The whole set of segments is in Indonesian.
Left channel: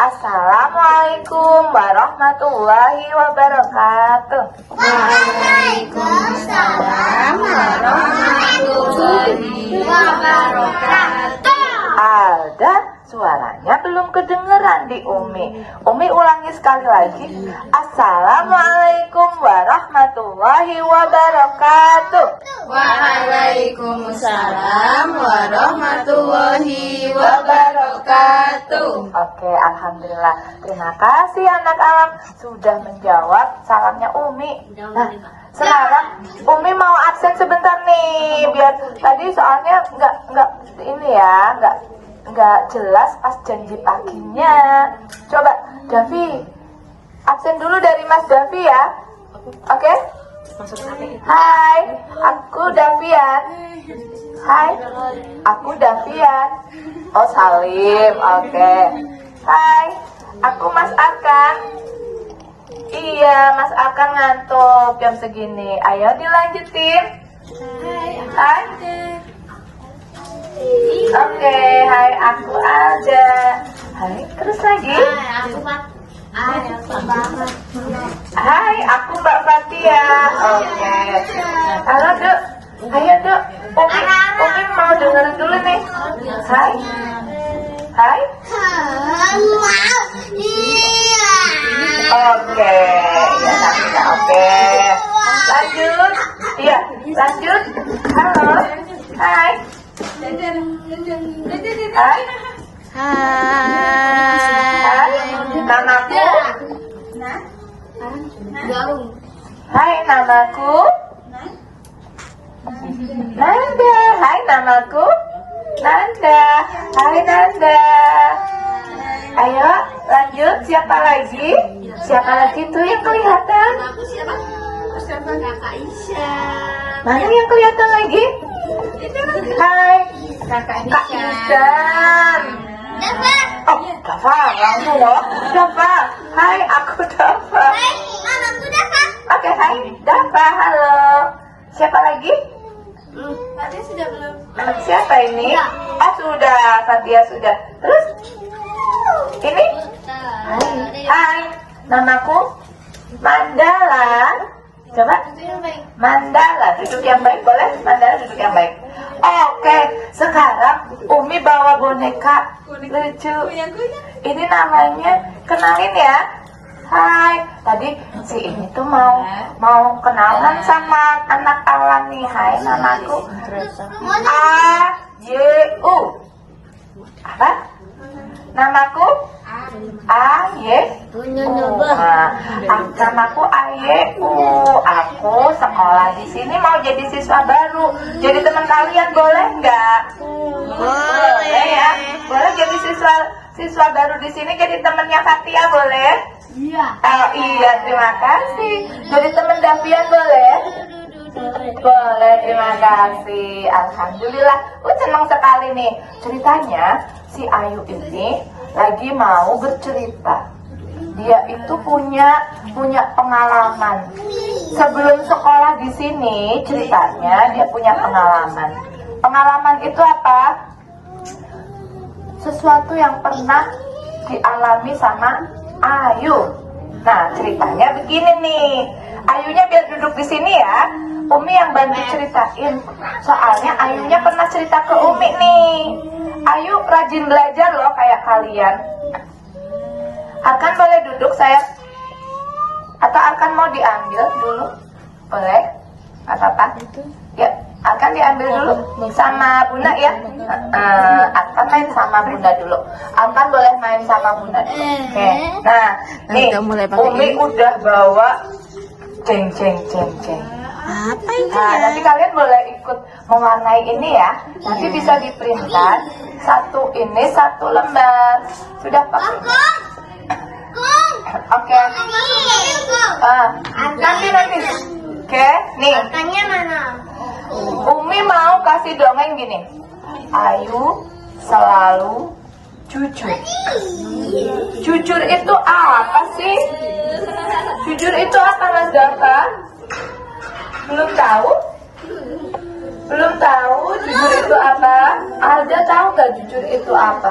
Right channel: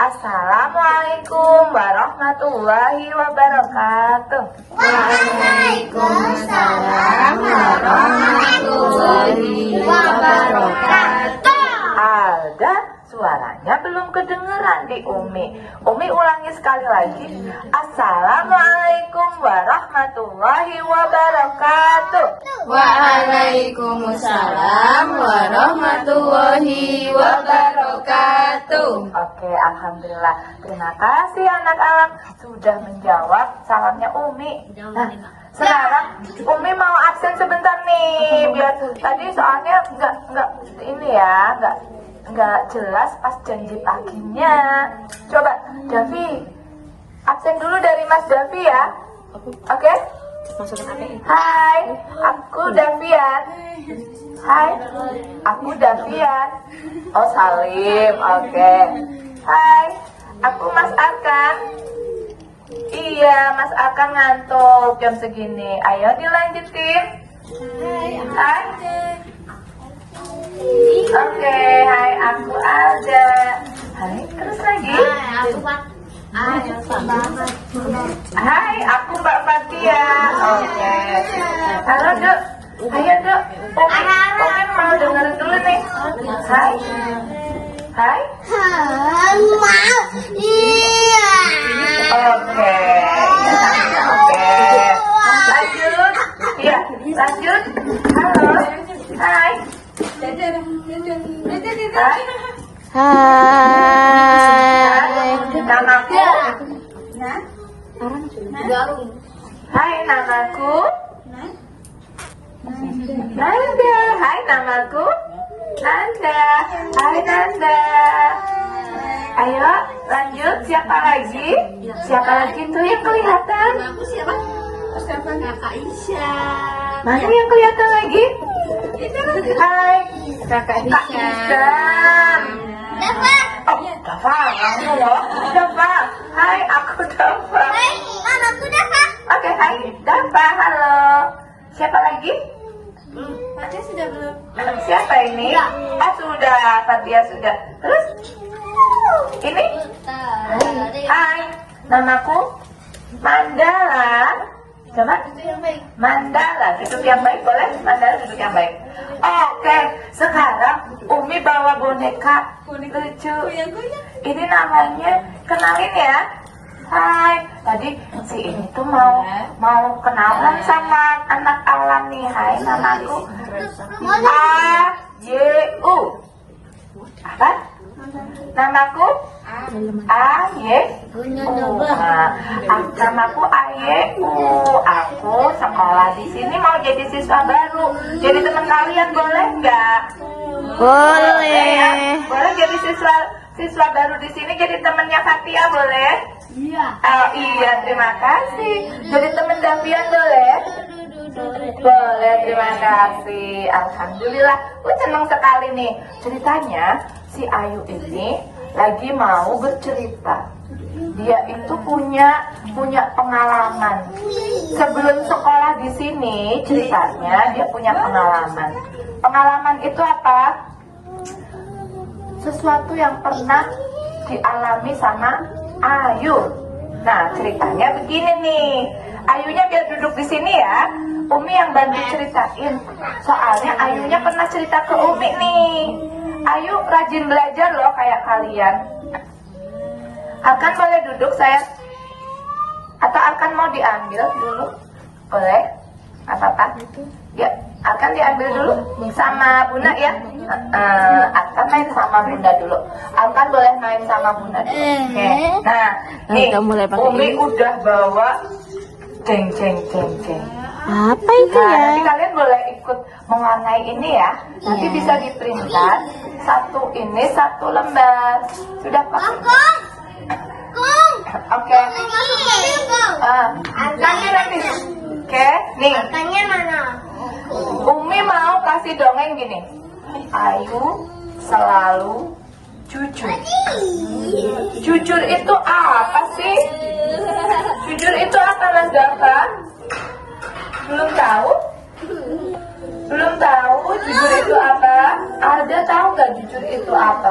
Assalamualaikum warahmatullahi wabarakatuh. Waalaikumsalam warahmatullahi wabarakatuh. Ada suaranya belum kedengeran di Umi. Umi ulangi sekali lagi. Assalamualaikum warahmatullahi wabarakatuh. Waalaikumsalam warahmatullahi wabarakatuh. Oke, alhamdulillah. Terima kasih anak-anak sudah menjawab salamnya Umi. Nah, sekarang Umi mau absen sebentar nih, biar tadi soalnya nggak ini ya, nggak jelas pas janji paginya. Coba Davi, absen dulu dari Mas Davi ya. Oke? Hai, aku Davian. Hai, aku Davian. Oh, Salim. Oke. Hai, aku Mas Akang. Iya, Mas Akang ngantuk jam segini. Ayo dilanjutin. Hai. Oke, hai, aku ada. Hai, terus lagi. Hai, aku Mbak Fatia. Oke. Halo, Dek. Ayo, Dek. Umi mau dengerin dulu nih. Hai. Hai. Oke. Oke. Lanjut. Iya, lanjut. Halo. Hai. Hai. Namaku. Hai, namaku Nanda. Hai, namaku Nanda. Hai, Nanda. Ayo, lanjut. Siapa lagi? Siapa lagi tuh yang kelihatan? Mana yang kelihatan lagi? Hai, Kakak Isan. Oh, Dava, kamu loh. Dava. Hai, aku Dava. Oke, hai, Dava. Halo. Siapa lagi? Tadi sudah belum? Siapa ini? Ah, sudah. Fatia sudah. Terus? Ini? Hai, namaku Mandala. Coba. Mandala, duduk yang baik boleh? Mandala duduk yang baik. Oke, sekarang Umi bawa boneka lucu. Ini namanya, kenalin ya. Hai, tadi si ini tuh mau kenalan sama anak alam nih. Hai, namaku A-Y-U. Apa? Namaku A-Y-U. Namaku A-Y-U. Aku sekolah di sini mau jadi siswa baru. Jadi teman kalian boleh nggak? Boleh. Boleh jadi siswa baru di sini, jadi temannya Fatia boleh? Iya. Oh iya, terima kasih. Jadi teman Davian boleh? Boleh, terima kasih. Alhamdulillah, aku senang sekali nih. Ceritanya si Ayu ini lagi mau bercerita. Dia itu punya pengalaman. Sebelum sekolah di sini, ceritanya dia punya pengalaman. Pengalaman itu apa? Sesuatu yang pernah dialami sama Ayu. Nah, ceritanya begini nih. Ayunya biar duduk di sini ya. Umi yang bantu ceritain. Soalnya Ayunya pernah cerita ke Umi nih. Ayu rajin belajar loh kayak kalian. Akan boleh duduk saya? Atau akan mau diambil dulu? Boleh? Apa-apa? Ya, akan diambil dulu sama Bunda ya. Akan main sama Bunda dulu. Akan boleh main sama Bunda dulu. Oke. Nah, nih Umi udah bawa jeng. Apa itu Nah, ya? nanti kalian boleh ikut mewarnai ini ya. Nanti bisa diprintan satu ini satu lembar. Sudah Pak? Oke. Angkanya nanti. Oke, nih. Angkanya mana? Umi mau kasih dongeng gini. Ayu selalu jujur. Jujur itu apa sih? Jujur itu apa, Mas Dava? Belum tahu? Belum tahu jujur itu apa? Ada tahu gak jujur itu apa?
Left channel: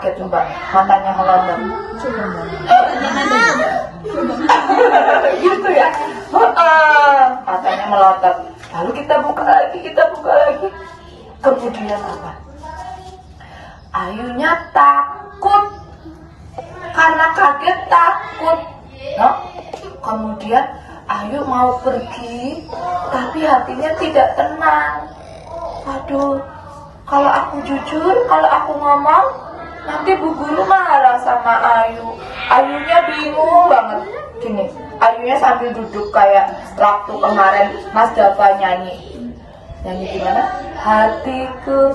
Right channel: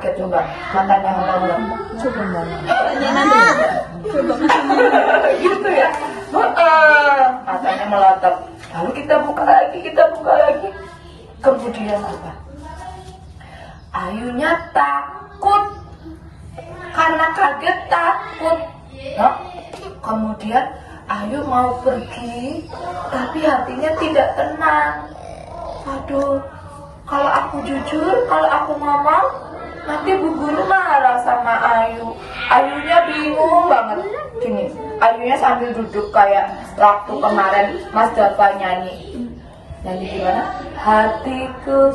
kaget coba, matanya melonjak. Gitu ya. Matanya melotot. Lalu kita buka lagi. Kemudian apa? Ayunya takut. Karena kaget takut. No? Kemudian Ayu mau pergi, tapi hatinya tidak tenang. Aduh, kalau aku jujur, kalau aku ngomong, nanti Bu Guru marah sama Ayu. Ayunya bingung banget. Gini, Ayunya sambil duduk kayak waktu kemarin Mas Dava nyanyi. Nyanyi gimana? Hatiku,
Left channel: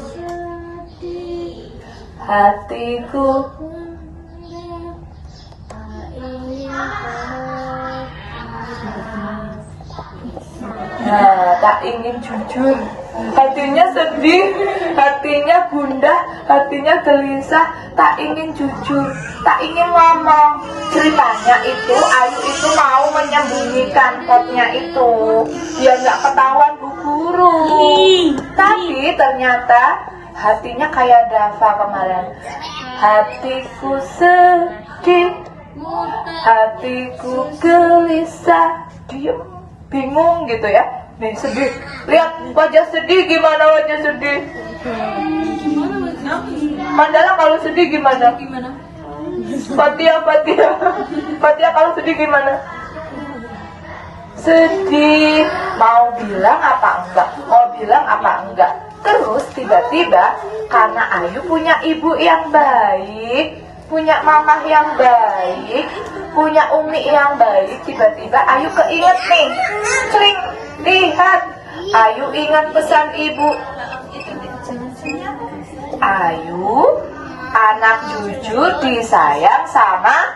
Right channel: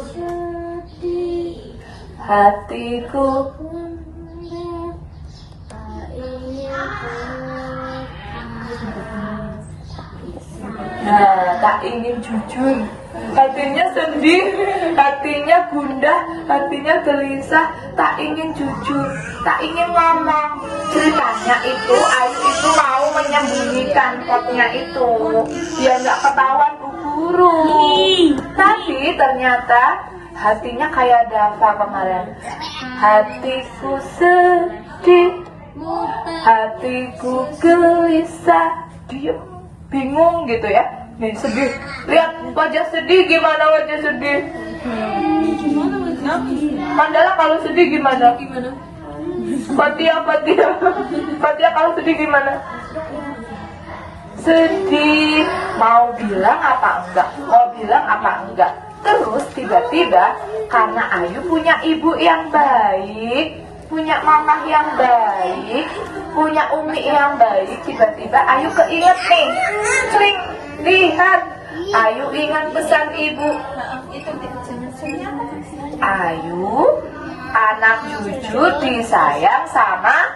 nah, tak ingin jujur, hatinya sedih, hatinya gundah, hatinya gelisah, tak ingin jujur, tak ingin ngomong. Ceritanya itu Ayu itu mau menyembunyikan potnya itu, biar nggak ketahuan Bu Guru. Tapi ternyata hatinya kayak Dava kemarin. Hatiku sedih, hatiku gelisah, dia bingung gitu ya. Nih sedih, lihat wajah sedih, gimana wajah sedih? Mandala kalau sedih gimana? Fatia kalau sedih gimana? Sedih, mau bilang apa enggak? Terus tiba-tiba karena Ayu punya ibu yang baik, punya mama yang baik, punya umi yang baik, tiba-tiba Ayu keinget nih, sering lihat, Ayu ingat pesan ibu. Ayu, anak jujur disayang sama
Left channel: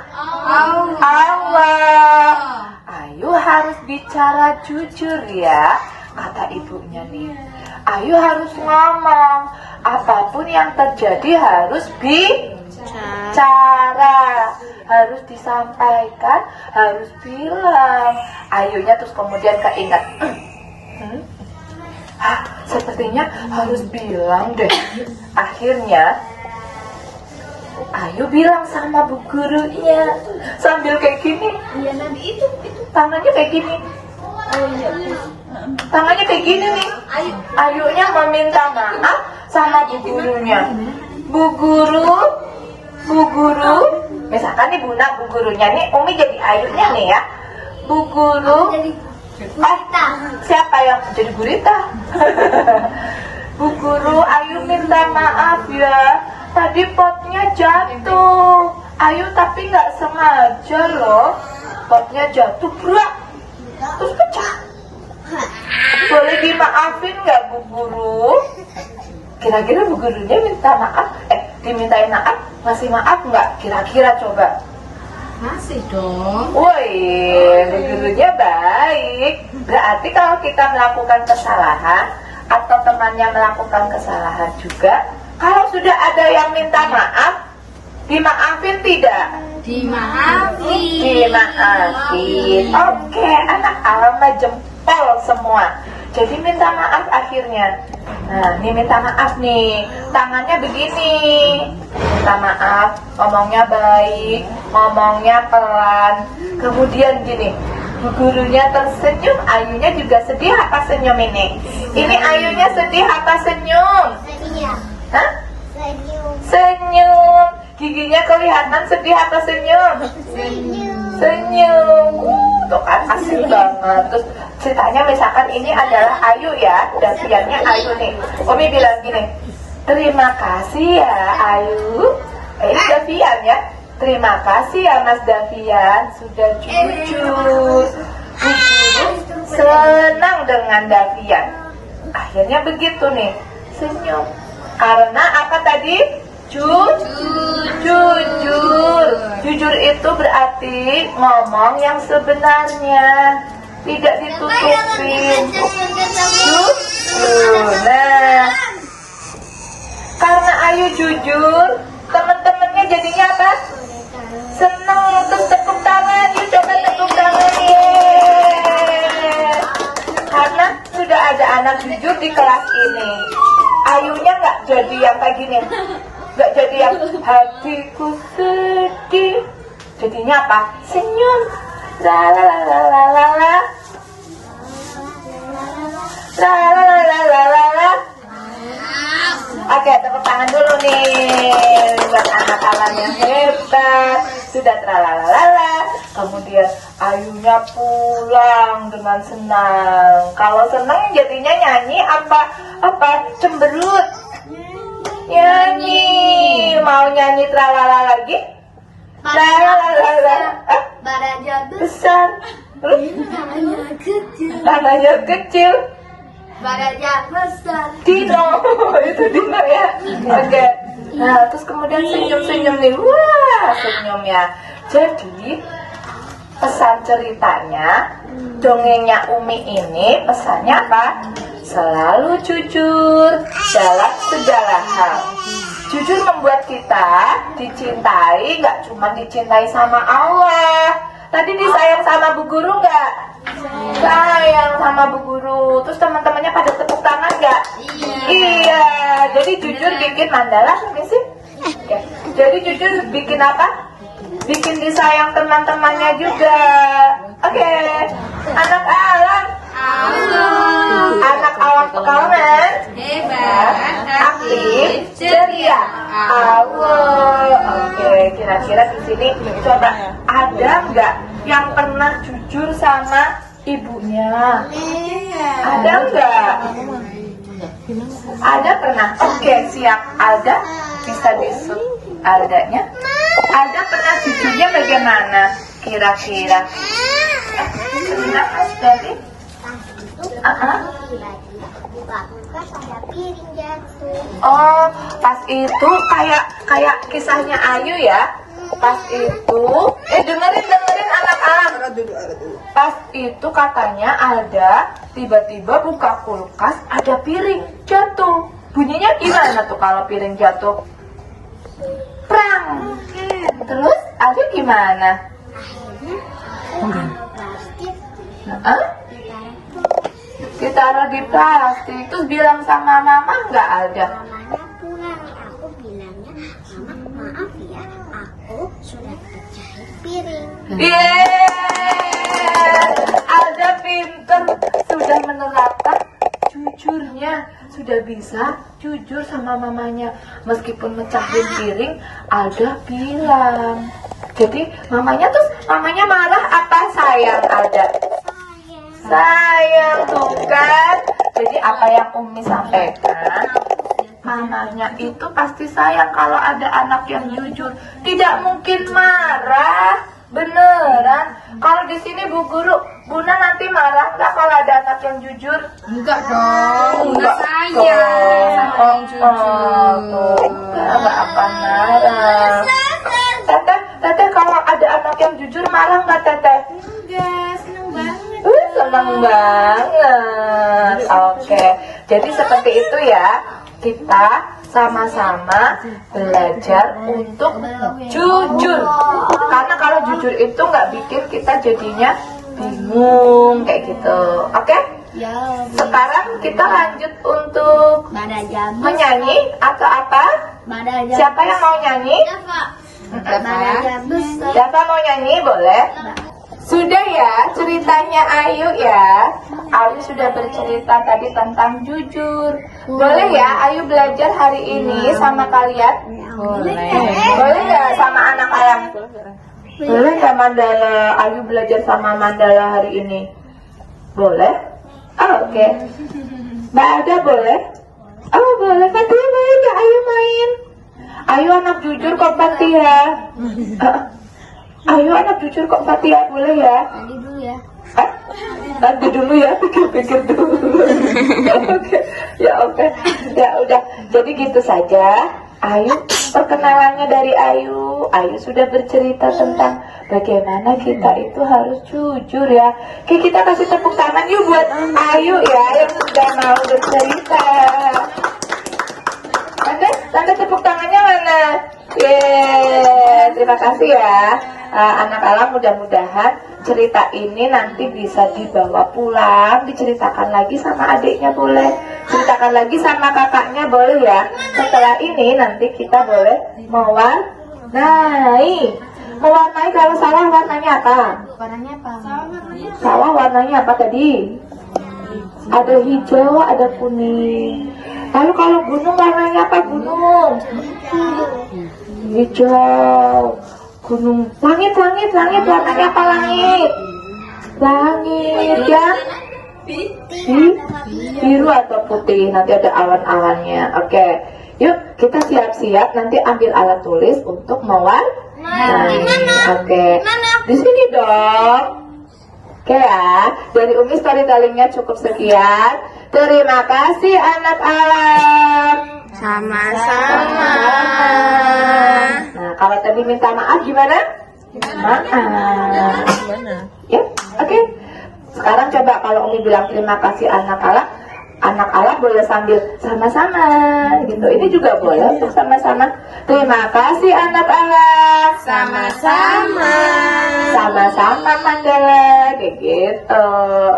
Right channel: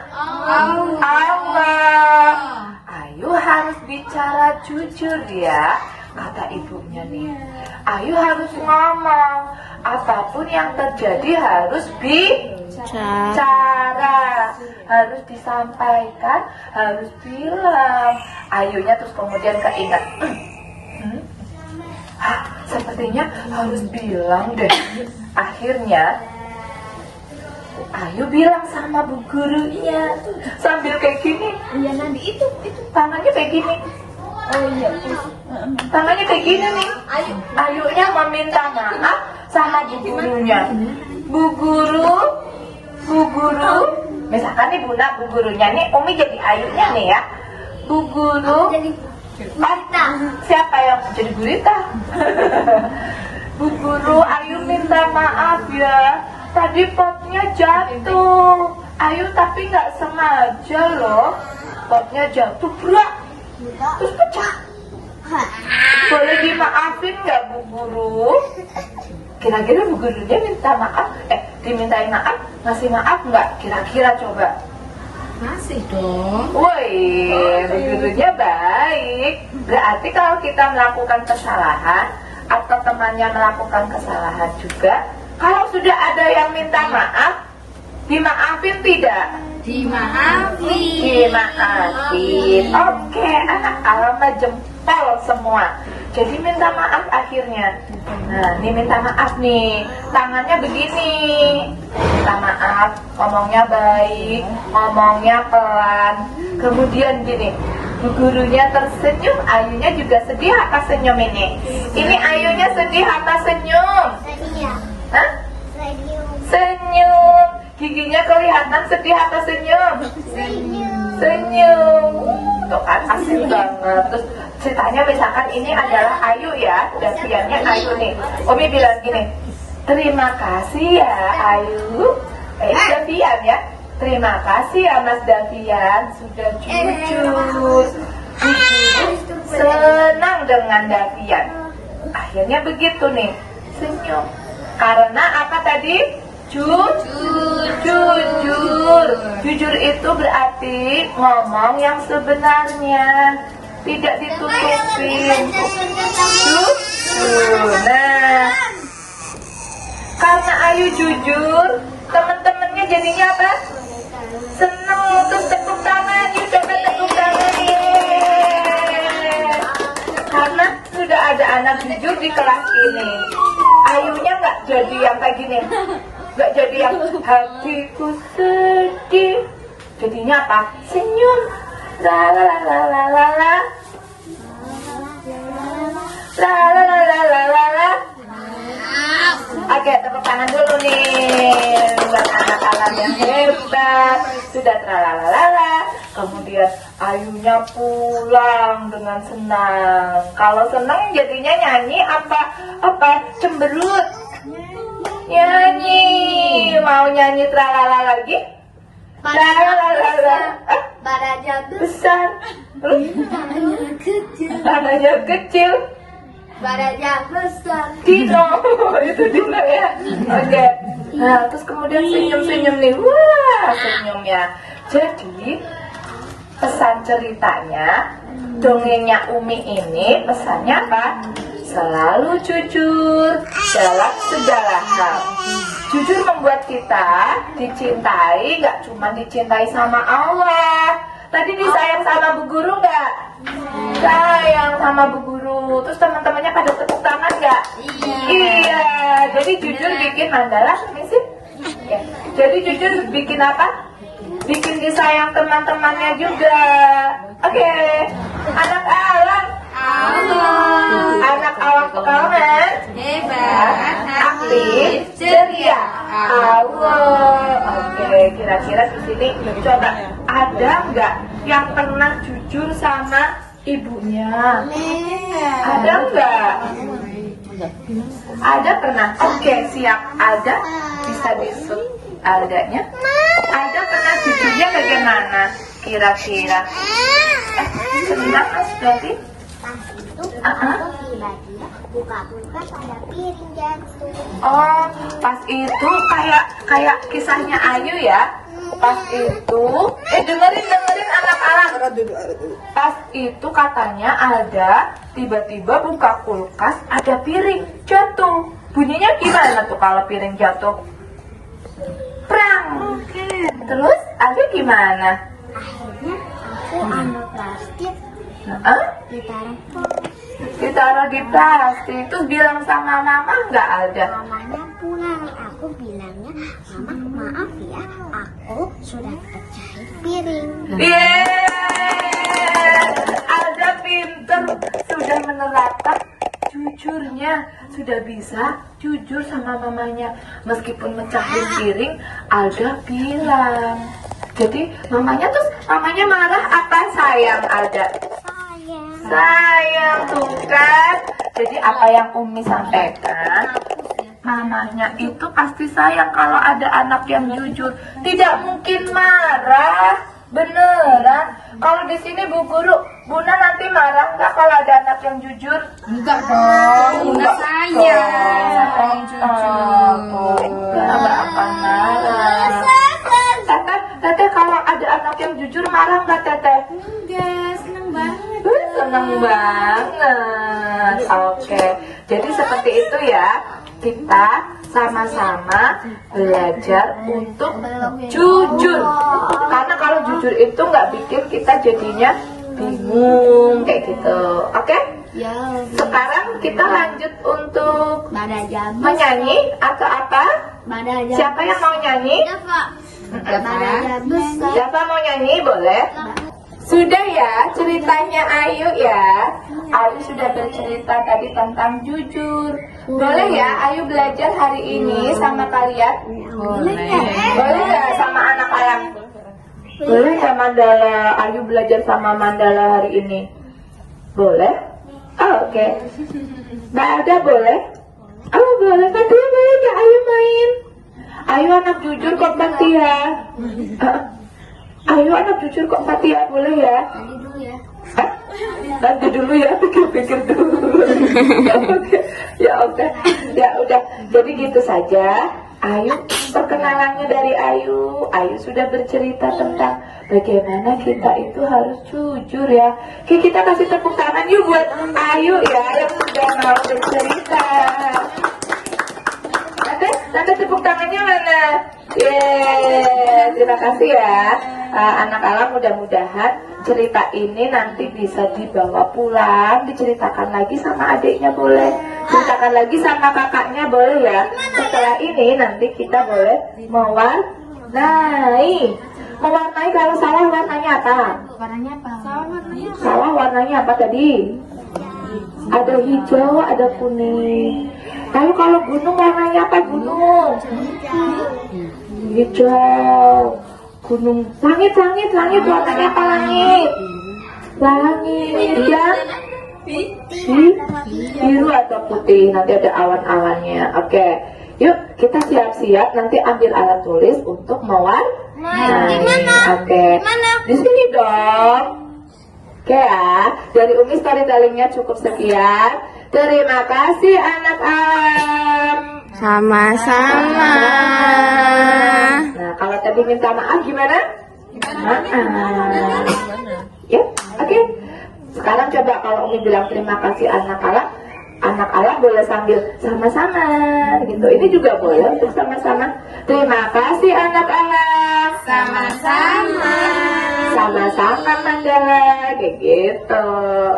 Allah. Ayu harus bicara jujur ya, kata ibunya nih. Ayu harus ngomong, apapun yang terjadi harus bicara, harus disampaikan, harus bilang. Ayunya terus kemudian keinget, sepertinya harus bilang deh. Akhirnya Ayu bilang sama Bu Gurunya sambil kayak gini, tangannya kayak gini. Tangannya kayak gini nih. Ayunya meminta maaf sama Bu Gurunya. Bu Guru, misalkan nih Bu Gurunya nih, Umi jadi Ayunya nih ya. Bu Guru, siapa yang jadi gurita? Bu Guru, Ayu minta maaf ya. Tadi potnya jatuh. Ayu tapi nggak sengaja loh. Potnya jatuh, gerak, terus pecah. Boleh dimaafin nggak Bu Guru? Kira-kira Bu Gurunya minta maaf, dimintain maaf, ngasih maaf nggak? Kira-kira coba. Masih dong. Woi, Bu Gurunya baik. Berarti kalau kita melakukan kesalahan atau temannya melakukan kesalahan juga, kalau sudah ada yang minta maaf, dimaafin tidak? Dimaafin. Oke, anak alma jempol semua. Jadi minta maaf akhirnya. Nah, ini minta maaf nih. Tangannya begini. Minta maaf, ngomongnya baik, ngomongnya pelan. Kemudian gini, Bu Gurunya tersenyum, Ayunya juga sedih apa senyum ini? Ini Ayunya sedih apa senyum? Hah? Senyum. Giginya kelihatan sedih atau senyum? Senyum. Tuh kan asik banget. Terus ceritanya misalkan ini adalah Ayu ya, Daviannya Ayu nih. Umi bilang gini, terima kasih ya Ayu, Davian ya. Terima kasih ya Mas Davian sudah jujur. Senang dengan Davian. Akhirnya begitu nih, senyum. Karena apa tadi? Jujur itu berarti ngomong yang sebenarnya, tidak ditutupin. Jujur. Nah, karena Ayu jujur, teman-temannya jadinya apa? Senang. Terus tepuk tangan, coba tepuk tangan. Karena sudah ada anak jujur di kelas ini. Ayunya nggak jadi yang kayak gini, nggak jadi yang hatiku sedih. Jadinya apa? Senyum. La la la la la la la. La la la la la la la. Oke, tepuk tangan dulu nih buat anak Alam yang hebat. Sudah tralalalala. Kemudian ayunya pulang dengan senang. Kalau senang jadinya nyanyi apa cemberut. Nyanyi. Mau nyanyi tralala lagi? Tralala. Baraja Besar. Tangannya kecil. Tangannya kecil. Baraja besar. Dino, itu Dino ya. Oke. Nah, terus kemudian senyum-senyum nih. Wah, senyum ya. Jadi pesan ceritanya, dongengnya Umi ini pesannya apa? Selalu jujur dalam segala hal. Jujur membuat kita dicintai, nggak cuma dicintai sama Allah. Tadi disayang sama Bu Guru nggak? Sayang sama Bu Guru. Terus teman-temannya pada tepuk tangan nggak? Iya. Jadi jujur bikin mandala ini sih. Ya. Jadi jujur bikin apa? Bikin disayang teman-temannya juga. Oke. Anak Alam. Anak Alam Pekalongan. Hebat, Aktif, ceria. Oke, kira-kira di sini coba ada nggak yang pernah jujur sama ibunya? Ada nggak? Ada pernah? Oke, siap. Ada bisa disut adanya. Ada pernah jujurnya bagaimana? Kira-kira? Cerita Mas Devi? Tiba-tiba buka-buka ada piring jatuh. Oh, pas itu kayak kisahnya Ayu ya. Pas itu, dengerin anak Alam. Pas itu katanya ada tiba-tiba buka kulkas ada piring jatuh. Bunyinya gimana tuh kalau piring jatuh? Prang. Terus ada gimana? Anak plastik Hah? Ditaruh di plastik. Terus bilang sama mama nggak ada. mamanya pulang. Aku bilangnya, maaf ya, aku sudah pecahin piring. Ada pinter, sudah menerapkan jujurnya, sudah bisa jujur sama mamanya. Meskipun mecahin piring, Alda bilang. Jadi mamanya marah apa sayang Alda? Sayang tuh kan. Jadi apa yang Umi sampaikan, mamanya itu pasti sayang kalau ada anak yang jujur. Tidak mungkin marah, beneran. Kalau di sini Bu Guru, Bunda nanti marah nggak kalau ada anak yang jujur? Enggak dong, Bunda sayang sama yang jujur. Nggak akan marah. Teteh kalau ada anak yang jujur marah nggak Teteh? Enggak, seneng banget. Senang banget. Oke, jadi seperti itu ya. Kita sama-sama belajar untuk jujur. Karena kalau jujur itu nggak bikin kita jadinya bingung kayak gitu. Oke? Ya, Sekarang kita lanjut untuk baraja menyanyi atau apa? Baraja Siapa yang mau nyanyi? Baraja besar. Siapa mau nyanyi? Boleh? Sudah ya ceritanya Ayu ya. Ayu sudah bercerita tadi tentang jujur. Boleh ya Ayu belajar hari ini sama kalian? Boleh nggak sama anak Alam? Boleh nggak Mandala? Ayu belajar sama Mandala hari ini? Boleh? Oh, oke. Mbak Ada boleh? Oh boleh. Fatia boleh nggak Ayu main? Ayu anak jujur kok Fatia. Ayo anak jujur kok Fatia, boleh ya? Tadi dulu ya. Hah? Nanti dulu ya, pikir-pikir dulu. Oke. Ya udah. Jadi gitu saja. Ayu, perkenalannya dari Ayu. Ayu sudah bercerita tentang bagaimana kita itu harus jujur ya. Oke, kita kasih tepuk tangan yuk buat Ayu ya yang sudah mau bercerita. Tante tepuk tangannya mana? Terima kasih ya. Anak Alam, mudah-mudahan cerita ini nanti bisa dibawa pulang, diceritakan lagi sama adiknya boleh. ceritakan lagi sama kakaknya, boleh ya? Setelah ini nanti kita boleh mewarnai. Mewarnai, kalau sawah warnanya apa? Warnanya apa? Sawah warnanya apa tadi? Ada hijau, ada kuning. Lalu kalau gunung warnanya apa gunung? Hijau. Gunung. Langit warnanya apa langit? Langit ya. Biru atau putih, nanti ada awan-awannya. Oke, yuk kita siap-siap nanti ambil alat tulis untuk mewarnai. Oke, di sini dong. Oke ya, dari Umi storytellingnya cukup sekian. Terima kasih anak-anak. Sama-sama. Nah, kalau tadi minta maaf gimana? Maaf. Ya, oke. Sekarang coba kalau Umi bilang terima kasih anak-anak boleh sambil sama-sama gitu. Ini juga boleh untuk sama-sama. Terima kasih anak-anak. Sama-sama. Sama-sama Mandala, kayak gitu.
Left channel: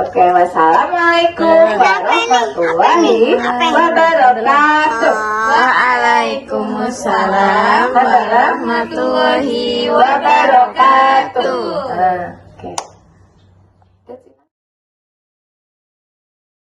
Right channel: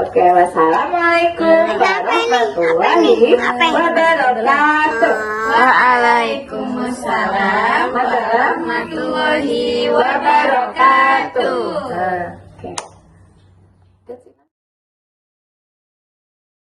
Oke, wassalamualaikum warahmatullahi wabarakatuh. Waalaikumsalam warahmatullahi wabarakatuh. Nah.